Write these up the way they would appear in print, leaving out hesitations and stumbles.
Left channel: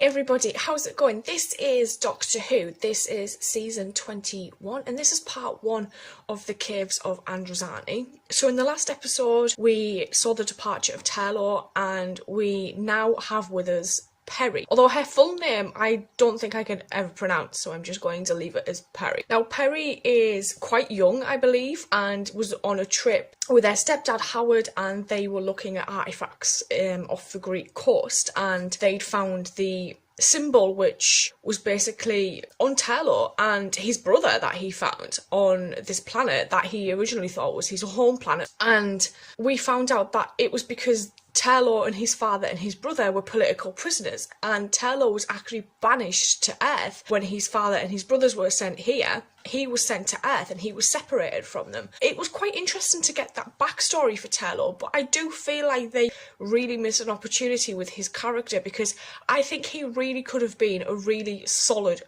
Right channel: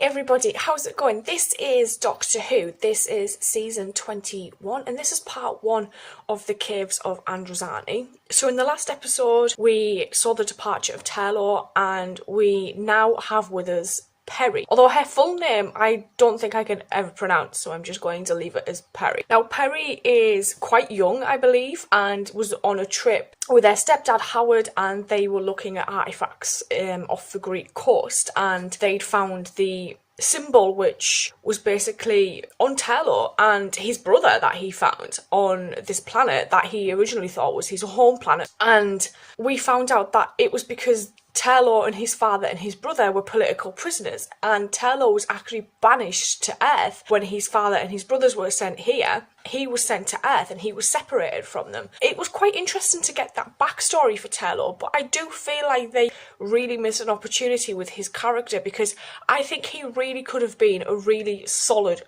everybody, how's it going? This is Doctor Who. This is season 21 and this is part 1 of the Caves of Androzani. So in the last episode we saw the departure of Taylor and we now have with us Perry. Although her full name I don't think I can ever pronounce, so I'm just going to leave it as Perry. Now Perry is quite young, I believe, and was on a trip with their stepdad Howard, and they were looking at artifacts off the Greek coast, and they'd found the symbol which was basically on Taylor and his brother that he found on this planet that he originally thought was his home planet. And we found out that it was because Taylor and his father and his brother were political prisoners, and Taylor was actually banished to Earth when his father and his brothers were sent here. He was sent to Earth and he was separated from them. It was quite interesting to get that backstory for Taylor, but I do feel like they really missed an opportunity with his character, because I think he really could have been a really solid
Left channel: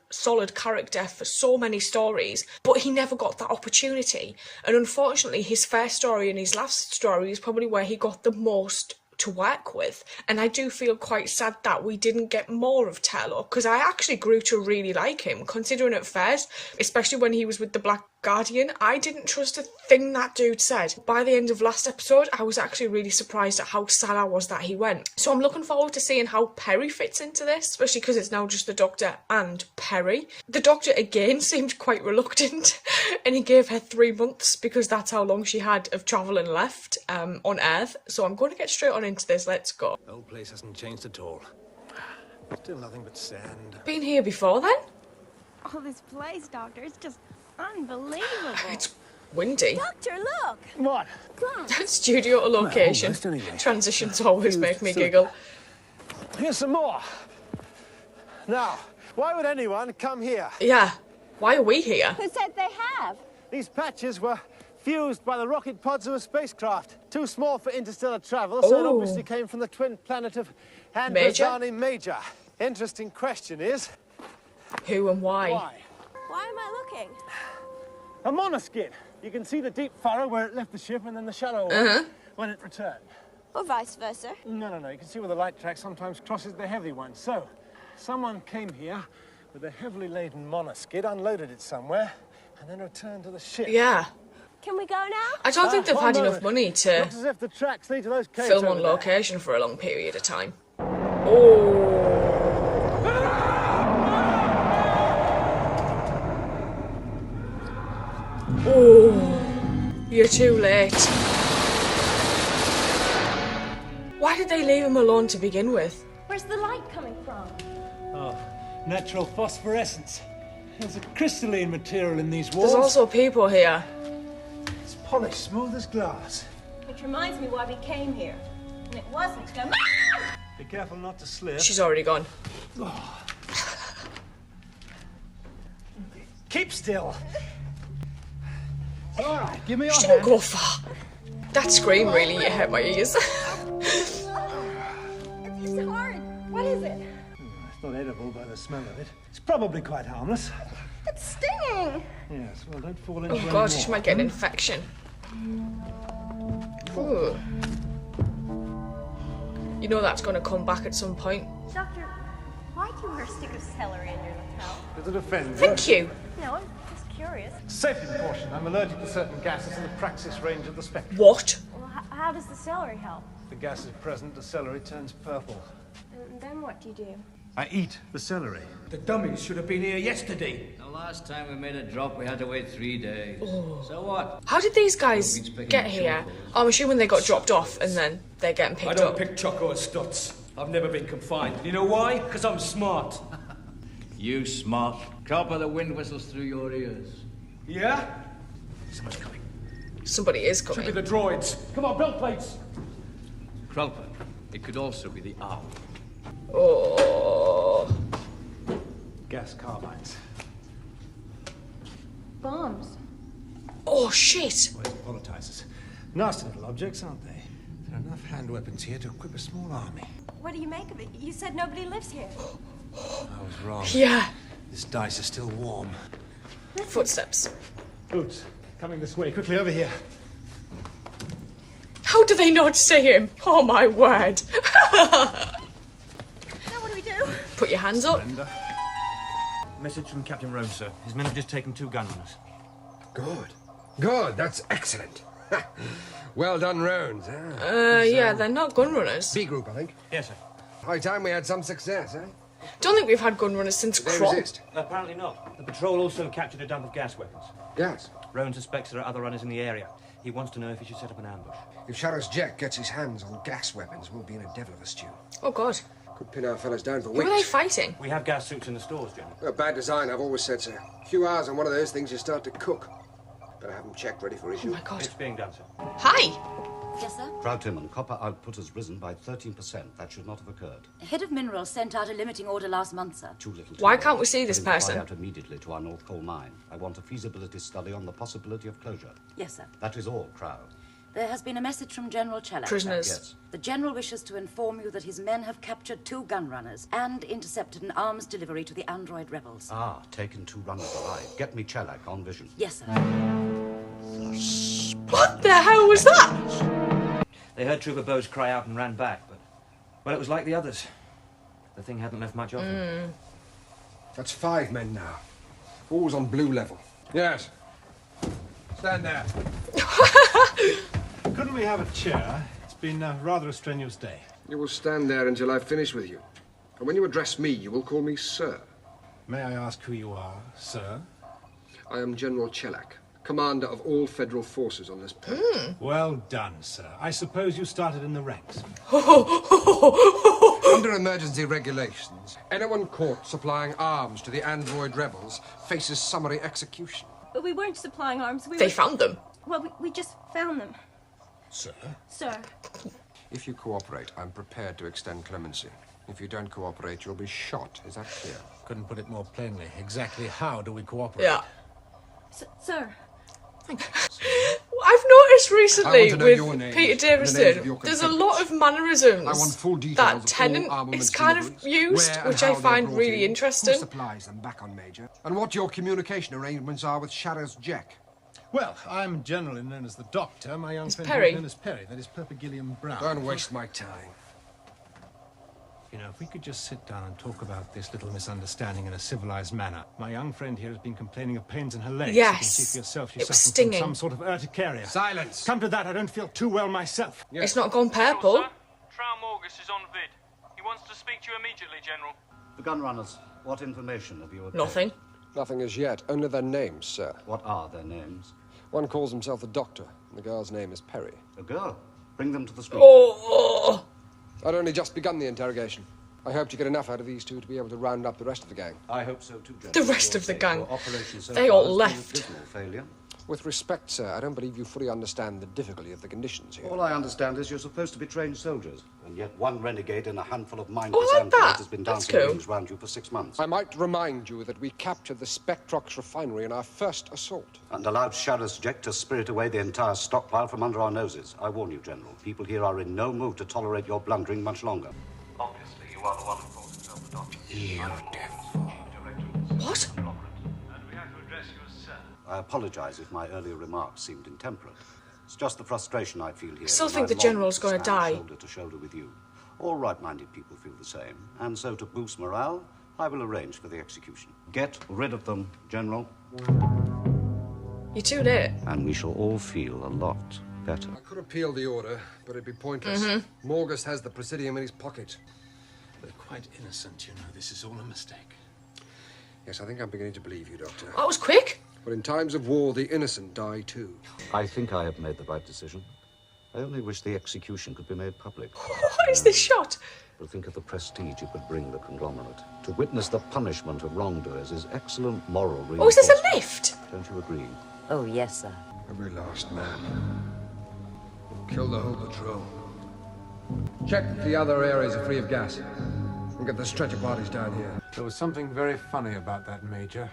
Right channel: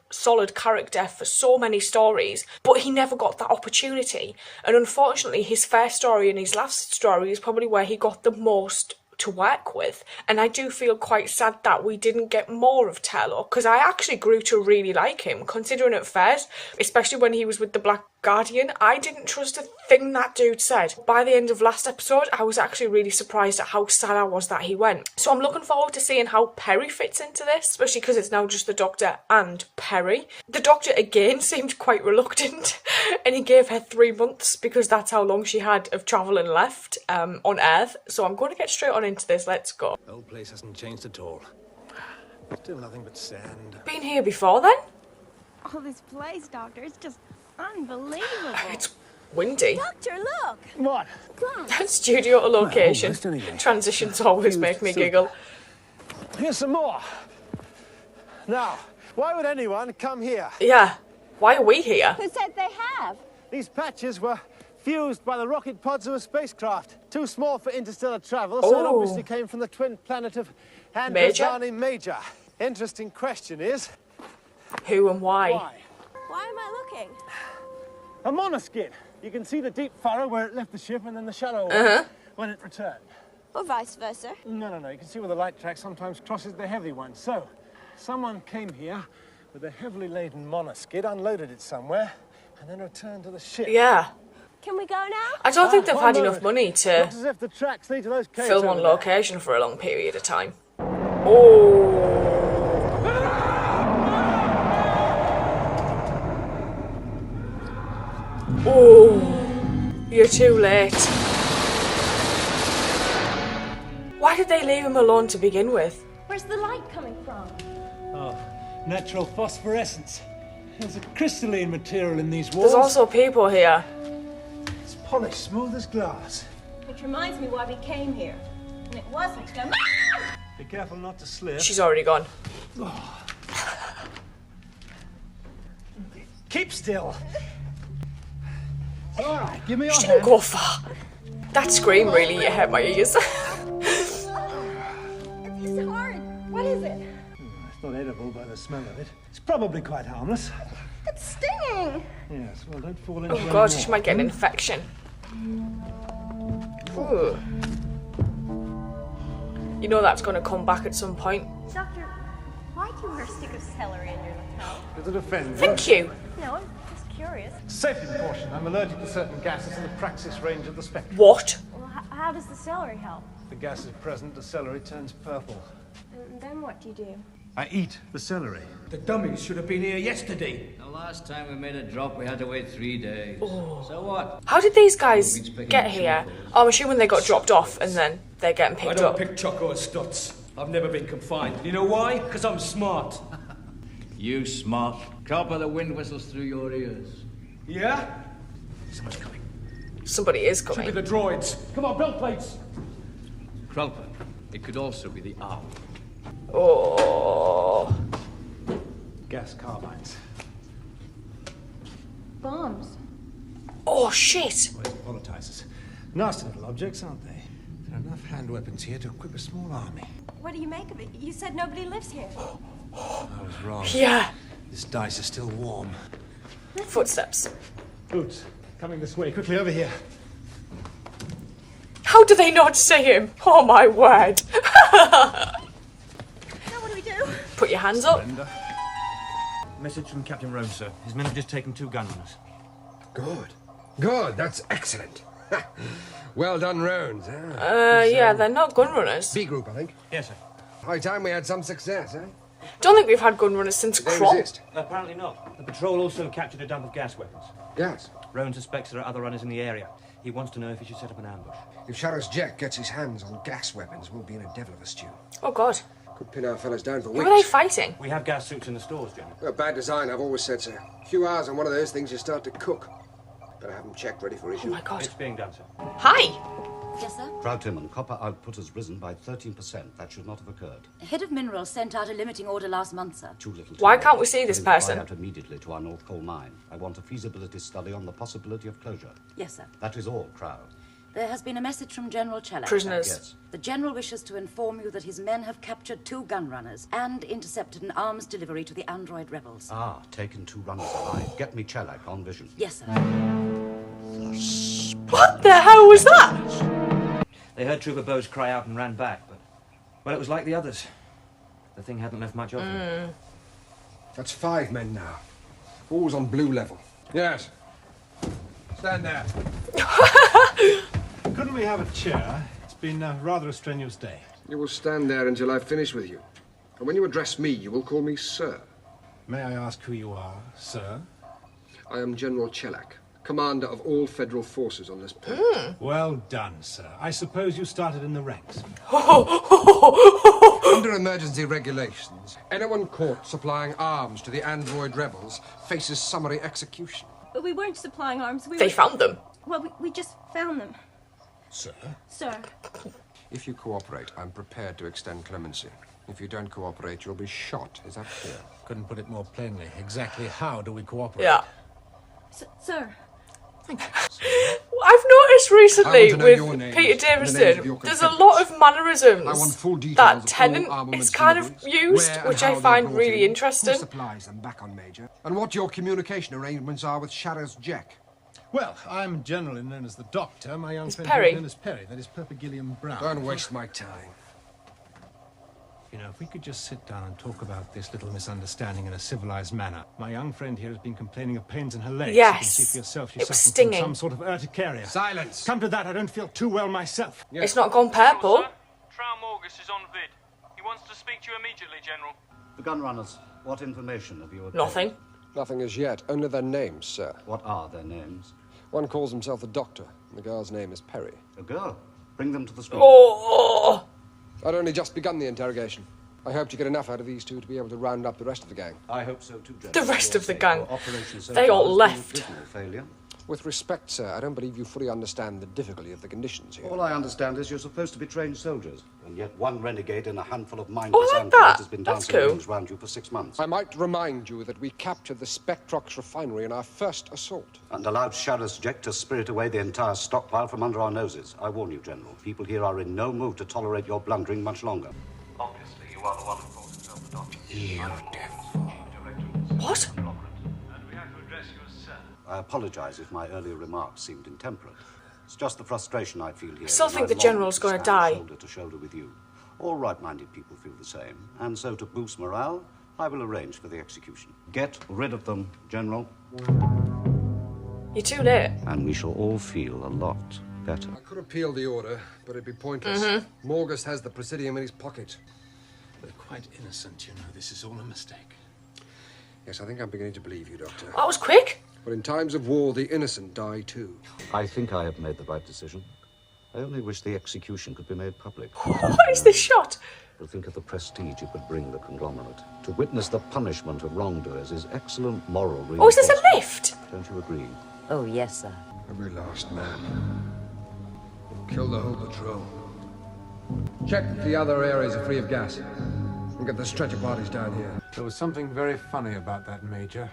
character for so many stories, but he never got that opportunity. And unfortunately his first story and his last story is probably where he got the most to work with, and I do feel quite sad that we didn't get more of Taylor, because I actually grew to really like him, considering at first, especially when he was with the Black Guardian, I didn't trust a thing that dude said. By the end of last episode, I was actually really surprised at how sad I was that he went. So I'm looking forward to seeing how Perry fits into this, especially because it's now just the Doctor and Perry. The Doctor again seemed quite reluctant and he gave her 3 months because that's how long she had of travelling left on Earth. So I'm going to get straight on into this. Let's go. The whole place hasn't changed at all. Still nothing but sand. Been here before then? Oh, this place, Doctor, it's just unbelievable. It's windy. Doctor, look! What? That studio to location. Well, almost anyway. Transitions always make me giggle. Here's some more. Now, why would anyone come here? Yeah. Why are we here? Who said they have? These patches were fused by the rocket pods of a spacecraft. Too small for interstellar travel, so it obviously came from the twin planet of Androzani Major. Interesting question is... who and why? Why am I looking? A monoskid. You can see the deep furrow where it left the ship and then the shallow one when it returned. Or vice versa? No. You can see where the light track sometimes crosses the heavy one. So, someone came here with a heavily laden monoskid, unloaded it somewhere, and then returned to the ship. Yeah. Can we go now? I don't think they've had enough money to Looks as if the tracks lead to those caves film over on there. location for a long period of time. You're too late. Why did they leave him alone to begin with? Where's the light coming from? Oh, natural phosphorescence. There's a crystalline material in these walls. There's also people here. It's polished, smooth as glass. Which reminds me why we came here. And it wasn't to go... Be careful not to slip. She's already gone. Keep still. All right, give me your Don't hand. go far. That scream really hurt my ears. It's hard. What is it? It's not edible by the smell of it. It's probably quite harmless. It's stinging. Yes, well, don't fall into Oh any god, more. she might get an infection. Ooh. You know that's going to come back at some point. Doctor, why do you wear a stick of celery in your lapel? Does it offend you? Thank you. No, I'm just curious. Safety precaution. I'm allergic to certain gases in the praxis range of the spectrum. What? Well, how does the celery help? The gas is present, the celery turns purple. And then what do you do? I eat the celery. The dummies should have been here yesterday. The last time we made a drop, we had to wait 3 days. So what? How did these guys Nobody's picking get here? chocos. I'm assuming they got dropped off and then they're getting I picked don't up. pick choco or studs. I've never been confined. You know why? Because I'm smart. You smart. Copper the wind whistles through your ears. Yeah? Someone's coming. Somebody is Should be coming. the droids. Come on, belt plates. Krulpa. It could also be the owl. Oh. Gas carbines. Bombs. Oh shit. Always volatizers. Nasty little objects, aren't they? There are enough hand weapons here to equip a small army. What do you make of it? You said nobody lives here. I was wrong. Yeah. This dice is still warm. Footsteps. Boots, coming this way. Quickly over here. How do they not see him? Oh my word. Now what do we do? Put your hands up. Surrender. Message from Captain Roan, sir. His men have just taken 2 gunrunners. Good. Good, that's excellent. Well done, Roans. Yeah, they're not gun runners. B group, I think. Yes, sir. High time we had some success, eh? Don't think we've had gun runners since Did they Crop. resist? Apparently not. The patrol also captured a dump of gas weapons. Yes. Roan suspects there are other runners in the area. He wants to know if he should set up an ambush. If Sheriff Jack gets his hands on gas weapons, we'll be in a devil of a stew. Oh, God. Could pin our fellas down for Who are they weeks. fighting? We have gas suits in the stores, General. Bad design, I've always said so. A few hours on one of those things, you start to cook. Better have them checked, ready for Oh, issue. my God. It's being done, sir. Hi. Yes, sir? Frau Timon, copper output has risen by 13%. That should not have occurred. Head of Minerals sent out a limiting order last month, sir. Too little. Why can't we see this Tell him to person? fly out immediately to our North Coal mine. I want a feasibility study on the possibility of closure. Yes, sir. That is all, Crow. There has been a message from General Chelak. Prisoners. Yes. The General wishes to inform you that his men have captured 2 gun runners and intercepted an arms delivery to the android rebels. Ah, taken 2 runners alive. Get me Chelak on vision. Yes, sir. What the hell was that? They heard Trooper Bowes cry out and ran back, but... Well, it was like the others. The thing hadn't left much of them. That's 5 men now. Always on blue level. Yes. Stand there. Couldn't we have a chair? It's been rather a strenuous day. You will stand there until I've finished with you. And when you address me, you will call me Sir. May I ask who you are, sir? I am General Chelak, commander of all federal forces on this planet. Well done, sir. I suppose you started in the ranks. Under emergency regulations, anyone caught supplying arms to the android rebels faces summary execution. But we weren't supplying arms. They found them. Well, we just found them. Sir? Sir. If you cooperate, I'm prepared to extend clemency. If you don't cooperate, you'll be shot. Is that clear? Couldn't put it more plainly. Exactly how do we cooperate? Yeah. Sir. I've noticed recently I want to know with your names Peter and the names of your Davison, there's a lot of confederates. mannerisms I want full details that of all Tennant armaments is kind deliveries, of used, where and which how I they're find brought really in, interesting. Who supplies them back on Major, and what your communication arrangements are with Sheriff Jack. Well, I'm generally known as the Doctor. My young friend Perry. here is known as Perry. That is Perpigillium Brown. Don't waste my time. You know, if we could just sit down and talk about this little misunderstanding in a civilized manner. My young friend here has been complaining of pains in her legs. You can Yes. see for yourself she's It was suffering from stinging. some sort of urticaria. Silence! Come to that, I don't feel too well myself. Yes. It's not gone purple. Traum August is on vid. He wants to speak to you immediately, General. The gun runners, what information have you obtained? Nothing. Nothing as yet, only their names, sir. What are their names? One calls himself the Doctor, and the girl's name is Perry. A girl. Bring them to the screen. Oh, I'd only just begun the interrogation. I hope to get enough out of these 2 to be able to round up the rest of the gang. I hope so too, General. The rest For of the your sake. gang. Your operation so They far all has been left. a dismal failure. With respect, sir, I don't believe you fully understand the difficulty of the conditions here. All I understand is you're supposed to be trained soldiers, and yet one renegade and a handful of mindless Oh, like androids that. has been That's dancing cool. rings round you for 6 months. I might remind you that we captured the Spectrox refinery in our first assault. And allowed Sheriff Jack to spirit away the entire stockpile from under our noses. I warn you, General, people here are in no mood to tolerate your blundering much longer. Obviously, you are the one who calls himself the Doctor. what? And we have to address you as Sir. I apologize if my earlier remarks seemed intemperate. It's just the frustration I feel here. Still when think I the long General's to gonna stand die. shoulder to shoulder with you. All right-minded people feel the same. And so to boost morale, I will arrange for the execution. Get rid of them, General, You're too late. and we shall all feel a lot better. I could appeal the order, but it'd be pointless. Morgus has the Presidium in his pocket. They're quite innocent, you know. This is all a mistake. Yes, I think I'm beginning to believe you, Doctor. That was quick. But in times of war, the innocent die too. I think I have made the right decision. I only wish the execution could be made public. What is this shot? But think of the prestige it would bring the conglomerate. To witness the punishment of wrongdoers is excellent moral Oh, is this reinforcement. a lift? Don't you agree? Oh, yes, sir. Every last man. Kill the whole patrol. Check that the other areas are free of gas. And get the stretcher parties down here. There was something very funny about that, Major.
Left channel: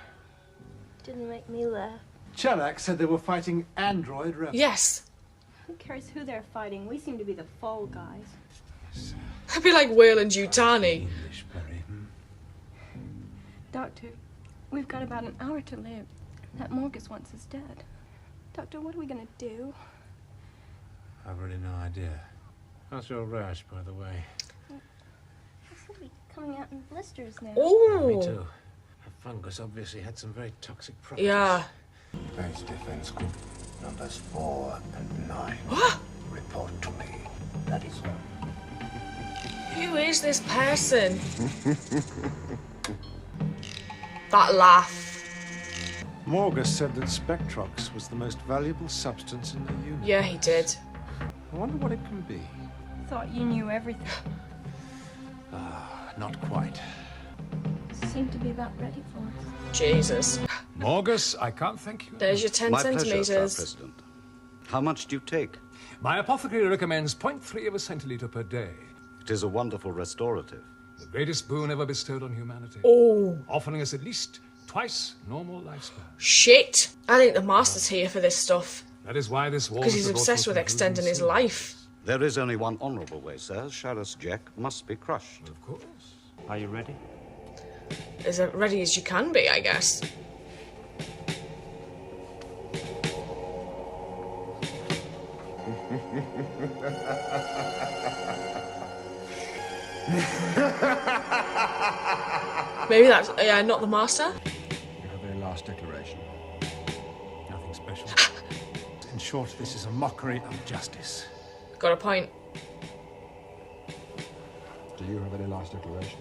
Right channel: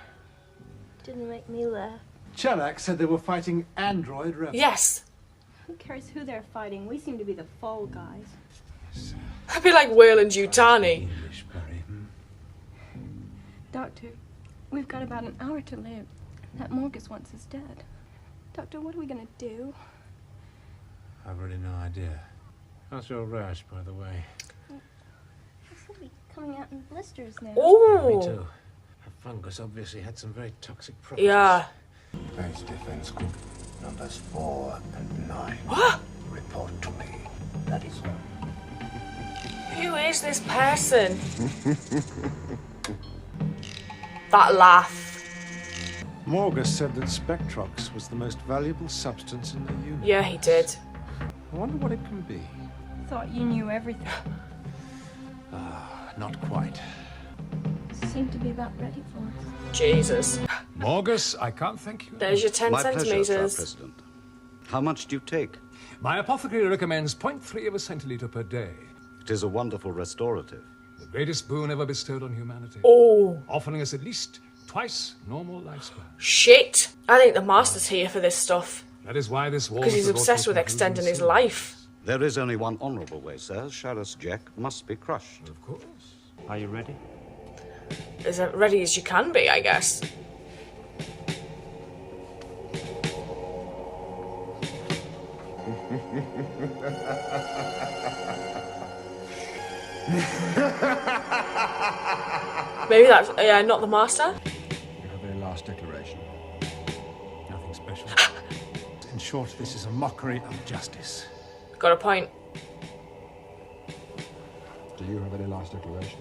Didn't make me laugh. Chelak said they were fighting android rebels. Yes. Who cares who they're fighting? We seem to be the fall guys. A bit like Wayland Yutani. English, Perry. Doctor, we've got about an hour to live. That Morgus wants us dead. Doctor, what are we gonna do? I've really no idea. How's your rash, by the way? Hasn't coming out in blisters now. Oh. Me too. Her fungus obviously had some very toxic properties. Yeah. Base defense group numbers 4 and 9. What? Report to me. That is all. Who is this person? That laugh. Morgus said that Spectrox was the most valuable substance in the universe. Yeah, he did. I wonder what it can be. Thought you knew everything. Not quite. Seemed to be about ready for us. Jesus. Morgus, I can't thank you. There's your 10 My centimeters. pleasure, Sir President. How much do you take? My apothecary recommends 0.3 of a centiliter per day. It is a wonderful restorative. The greatest boon ever bestowed on humanity. Oh. Offering us at least twice normal lifespan. Shit. I think the Master's here for this stuff. That is why this war Because must he's be brought to a obsessed with conclusion extending his soon. life. There is only one honourable way, sir. Shallus Jack must be crushed. Of course. Are you ready? As ready as you can be, I guess. Maybe that's not the Master. You have a last declaration. Nothing special. In short, this is a mockery of justice. Got a point. Do you have any last declaration?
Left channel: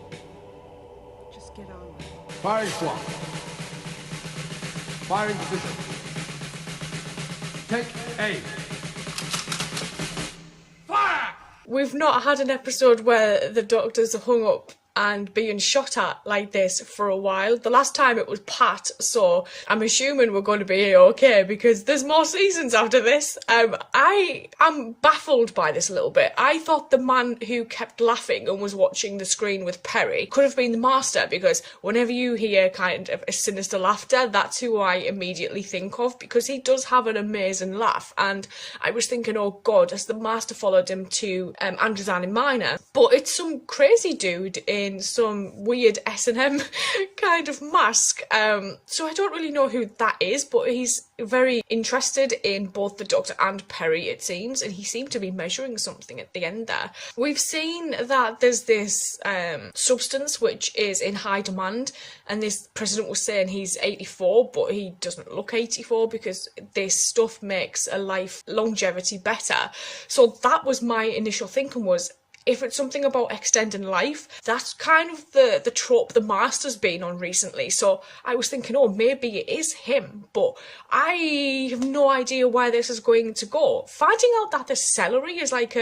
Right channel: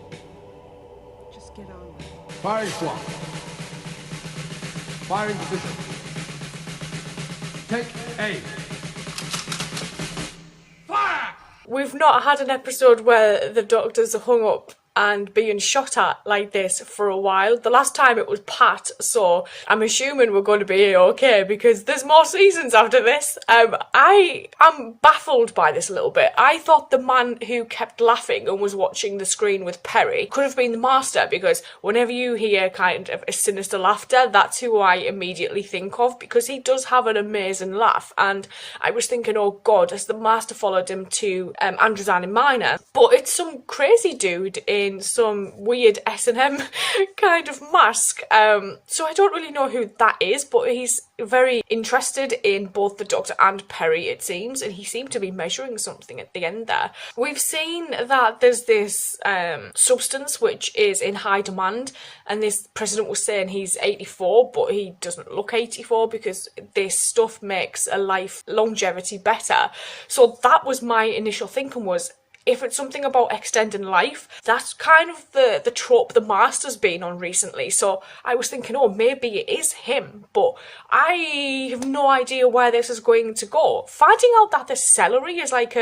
Just get on. Firing squad. Firing position. Take aim. Fire! We've not had an episode where the Doctors are hung up and being shot at like this for a while. The last time it was Pat, so I'm assuming we're going to be okay because there's more seasons after this. I am baffled by this a little bit. I thought the man who kept laughing and was watching the screen with Perry could have been the Master, because whenever you hear kind of a sinister laughter, that's who I immediately think of, because he does have an amazing laugh. And I was thinking, oh God, has the Master followed him to Androzani Minor? But it's some crazy dude in some weird S&M kind of mask. So I don't really know who that is, but he's very interested in both the Doctor and Perry, it seems, and he seemed to be measuring something at the end there. We've seen that there's this substance which is in high demand, and this president was saying he's 84, but he doesn't look 84 because this stuff makes a life longevity better. So that was my initial thinking, was if it's something about extending life, that's kind of the trope the Master's been on recently. So I was thinking, oh, maybe it is him, but I have no idea where this is going to go. Finding out that the celery is like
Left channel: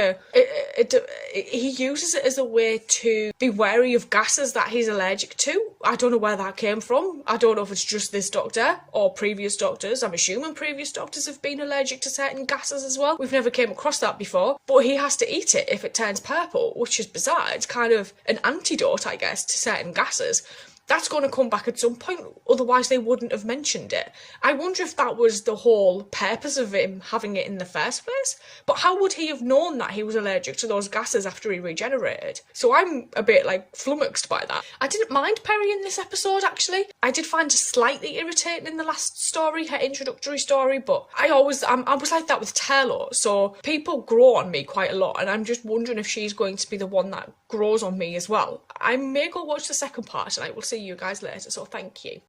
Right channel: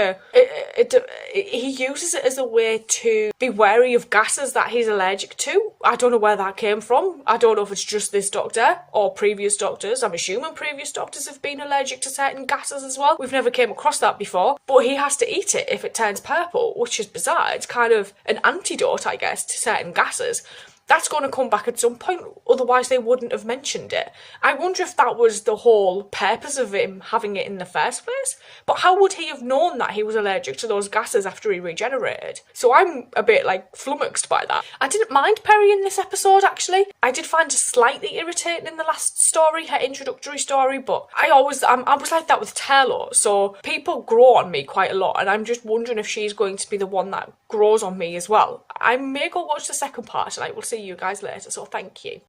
he uses it as a way to be wary of gases that he's allergic to. I don't know where that came from. I don't know if it's just this Doctor or previous Doctors. I'm assuming previous Doctors have been allergic to certain gases as well. We've never came across that before, but he has to eat it if it turns purple, which is bizarre. It's kind of an antidote, I guess, to certain gases. That's going to come back at some point, otherwise they wouldn't have mentioned it. I wonder if that was the whole purpose of him having it in the first place. But how would he have known that he was allergic to those gases after he regenerated? So I'm a bit, like, flummoxed by that. I didn't mind Perry in this episode, actually. I did find her slightly irritating in the last story, her introductory story, but I was like that with Tello. So people grow on me quite a lot, and I'm just wondering if she's going to be the one that grows on me as well. I may go watch the second part, and I will see you guys later, so thank you.